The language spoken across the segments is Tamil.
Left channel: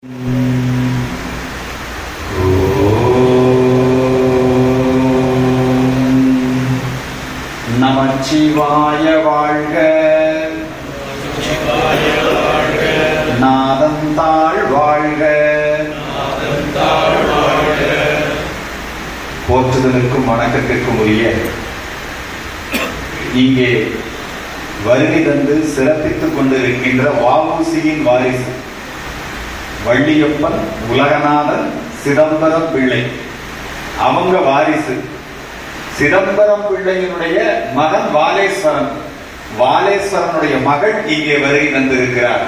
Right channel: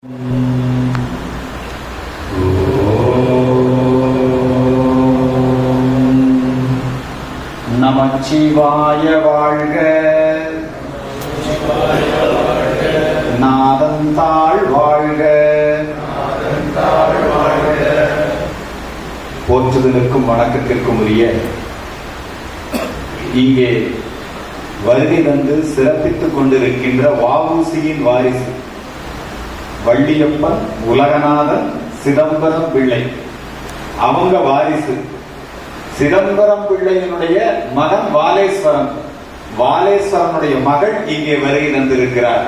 நமச்சிவாய வாழ்க. நாதந்தாள் வாழ்க. போற்றுதலுக்கும் வணக்கத்திற்கும் உரிய இங்கே வருகை தந்து சிறப்பித்துக் கொண்டிருக்கின்ற வ.உ.சி.யின் வாரிசு வள்ளியப்பன் உலகநாதன் சிதம்பரம் பிள்ளை, அவங்க வாரிசு சிதம்பரம் பிள்ளையினுடைய மகன் வாலேஸ்வரன், வாலேஸ்வரனுடைய மகள் இங்கே வருகை தந்திருக்கிறார்.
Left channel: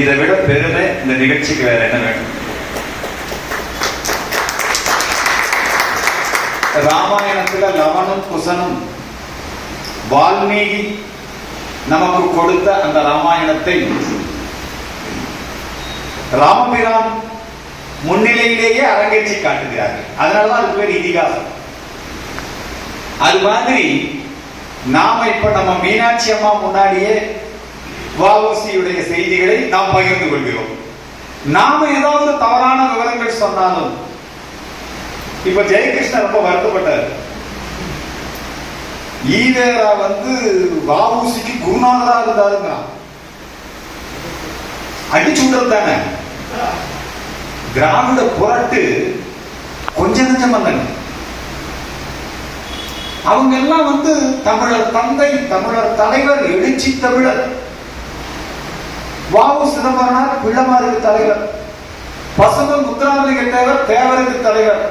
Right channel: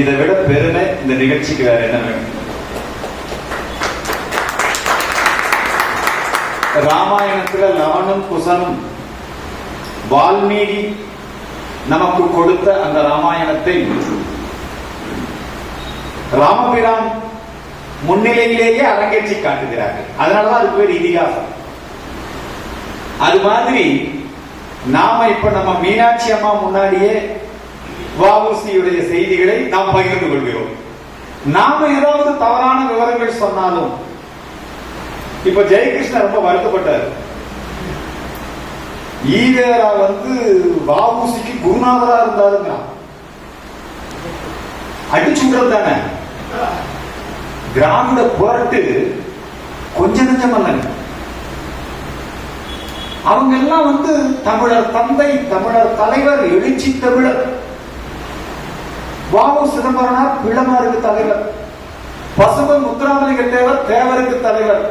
இதை விட பெருமை இந்த நிகழ்ச்சிக்கு வேற என்ன வேணும்? ராமாயணத்துல லவனும் குசனும் வால்மீகி நமக்கு கொடுத்த அந்த ராமாயணத்தை ராமபிரான் முன்னிலையிலேயே அரங்கேற்றி காட்டுகிறார்கள். அதனாலதான் அது பேர் இதிகாசம். அது மாதிரி நாம இப்ப நம்ம மீனாட்சி அம்மா முன்னாடியே வ.உ.சி.யுடைய செய்திகளை நாம் பகிர்ந்து கொள்கிறோம். நாம ஏதாவது தவறான விவரங்கள் சொன்னாலும், இப்ப ஜெயகிருஷ்ணன் ரொம்ப வருத்தப்பட்டார். ஈவேரா வ.உ.சி.க்கு குருநாதரா இருந்தாருங்க. அடிச்சு விடுறது தானே. திராவிட புரட்டு கொஞ்ச நஞ்சம் அல்லங்க. அவங்க எல்லாம் தமிழர் தந்தை, தமிழர் தலைவர், எழுச்சி தமிழர். வ.உ. சிதம்பரனார் பிள்ளமாருக்கு தலைவர், பசும்பொன் முத்துராமலிங்க தேவர் தேவருக்கு தலைவர்,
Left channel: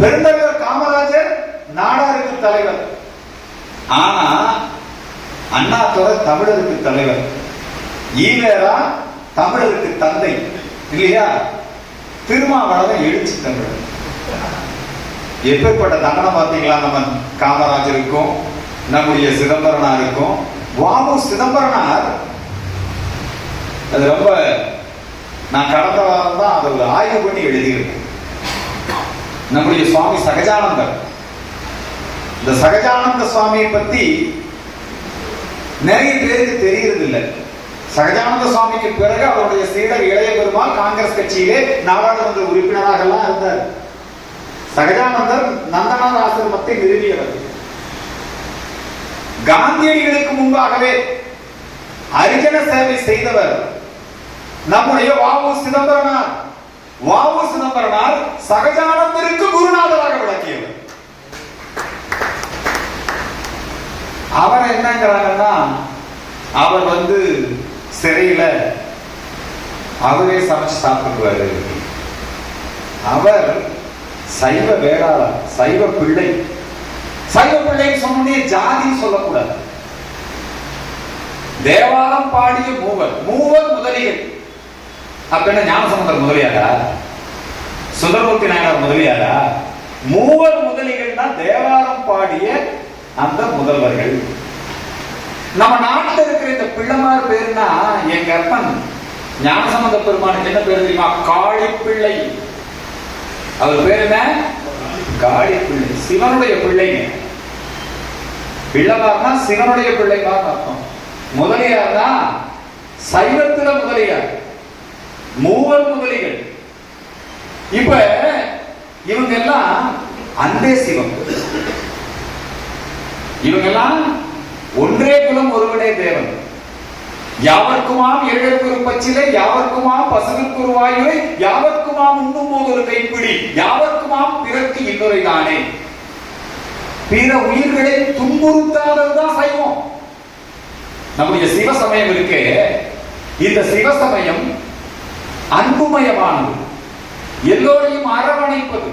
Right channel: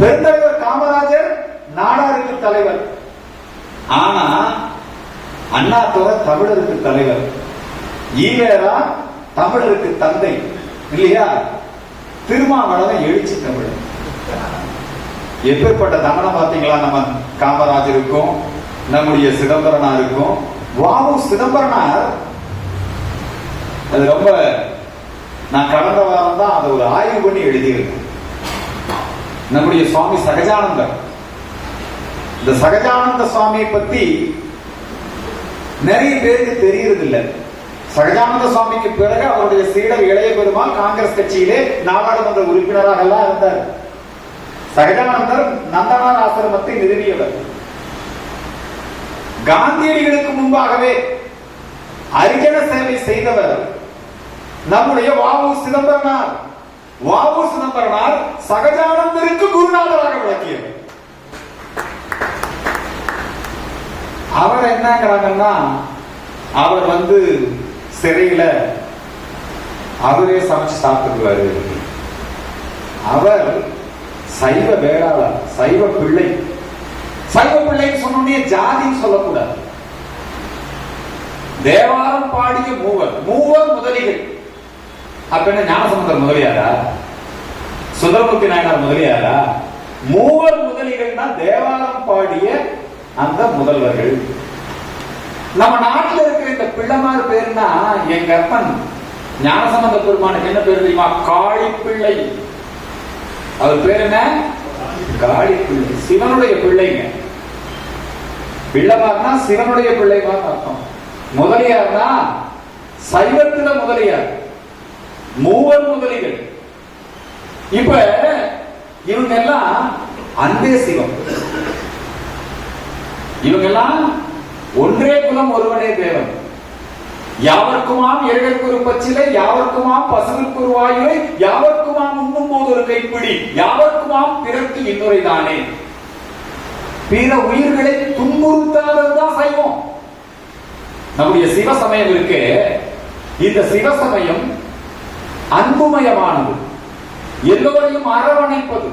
பெருந்தலைவர் காமராஜர் நாடாருக்கு தலைவர். ஆனா அண்ணாதுரை தமிழருக்கு தலைவர், ஈவேரா தமிழருக்கு தந்தை இல்லையா? திருமாவளவன் எழுச்சி தமிழர். எப்பேற்பட்ட தண்டனை பார்த்தீங்களா? நம்ம காமராஜருக்கும் நம்முடைய சிதம்பரனாருக்கும். வ.உ. சிதம்பரனார் அது ரொம்ப, நான் கடந்த வாரம் தான் அதை ஒரு ஆய்வு பண்ணி எழுதியிருக்கேன். நம்முடைய சுவாமி சகஜானந்தர், இந்த சகஜானந்த சுவாமியை பத்தி நிறைய பேருக்கு தெரிகிறது இல்லை. சகஜானந்த சுவாமிக்கு பிறகு அவருடைய சீடர் இளைய பெருமாள் காங்கிரஸ் கட்சியிலே நாடாளுமன்ற உறுப்பினராக எல்லாம் இருந்தார். சகஜானந்தர் நந்தனார் ஆசிரமத்தை நிறுவியவர். காந்தியடிகளுக்கு முன்பாகவே அரிஜன சேவை செய்தவர் நம்முடைய வ.உ. சிதம்பரனார். வ.உ. சிதம்பரனார் சகஜானந்தருக்கு குருநாதராக விளக்கியவர். அவர் என்னங்கிறாங்கன்னா, அவர் சிறையில அவரே சமைச்சு சாப்பிடுவாரு. அவர் சைவ வேளாளர், சைவ பிள்ளை. சைவ பிள்ளைன்னு சொன்னே ஜாதி சொல்லக்கூடாது. தேவாரம் பாடிய மூவர் முதலிகள். அப்ப என்ன ஞானசமுந்தர் முதலியாரா? சுந்தரமூர்த்தி நாயனார் முதலியாரா? மூவர் முதலிகள் தான் தேவாரம் பாடிய அந்த முதல்வர்கள். நம்ம நாட்டில் இருக்கிற இந்த பிள்ளைமார் பேருனா, எங்க அப்பன் ஞானசம்பந்த பெருமானுக்கு என்ன பேரு தெரியுமா? காளிப்பிள்ளை. அவர் பேருமே காளிப்பிள்ளை, சிவனுடைய பிள்ளைங்க. பிள்ளைமார்னா சிவனுடைய பிள்ளைமார் அர்த்தம். முதலியார் தான் சைவத்தில முதலியார், மூவர் முதலிகள். இப்ப இவங்க எல்லாம் அன்பே சிவம். இவங்கெல்லாம் ஒன்றே குலம் ஒருவனே தேவன். யாவர்க்குமாம் ஏழற்குரு பச்சிலை, யாவர்க்குமாம் பசுவிற்கு ஒரு வாயுரை, யாவர்க்குமாம் உண்ணும் போது ஒரு கைப்பிடி, யாவர்க்குமாம் பிறக்கு இன்னொரு தானே. பிற உயிர்களை துன்புறுத்தாததுதான் சைவம். நம்முடைய சிவசமயம் இருக்கு. இந்த சிவசமயம் அன்புமயமானது, எல்லோரையும் அரவணைப்பது.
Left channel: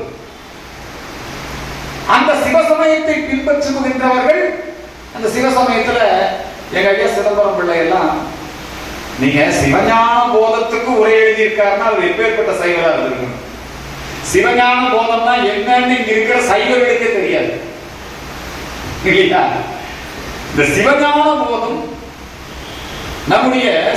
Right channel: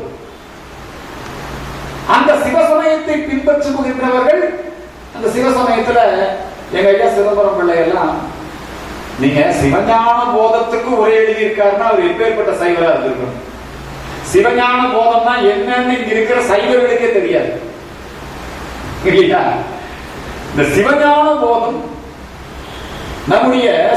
அந்த சிவசமயத்தை பின்பற்றுகின்றவர்கள், அந்த சிவசமயத்துல எங்க ஐயா சிதம்பரம் பிள்ளை எல்லாம், நீங்க சிவஞான போதத்துக்கு உரை எழுதியிருக்காருன்னா அவர் எப்பேற்பட்ட சைவரா இருந்திருக்கும். சிவஞான போதம்னா என்னன்னு இங்க இருக்கிற சைவர்களுக்கே தெரியாது இல்லையா? இந்த சிவஞான போதம் நம்முடைய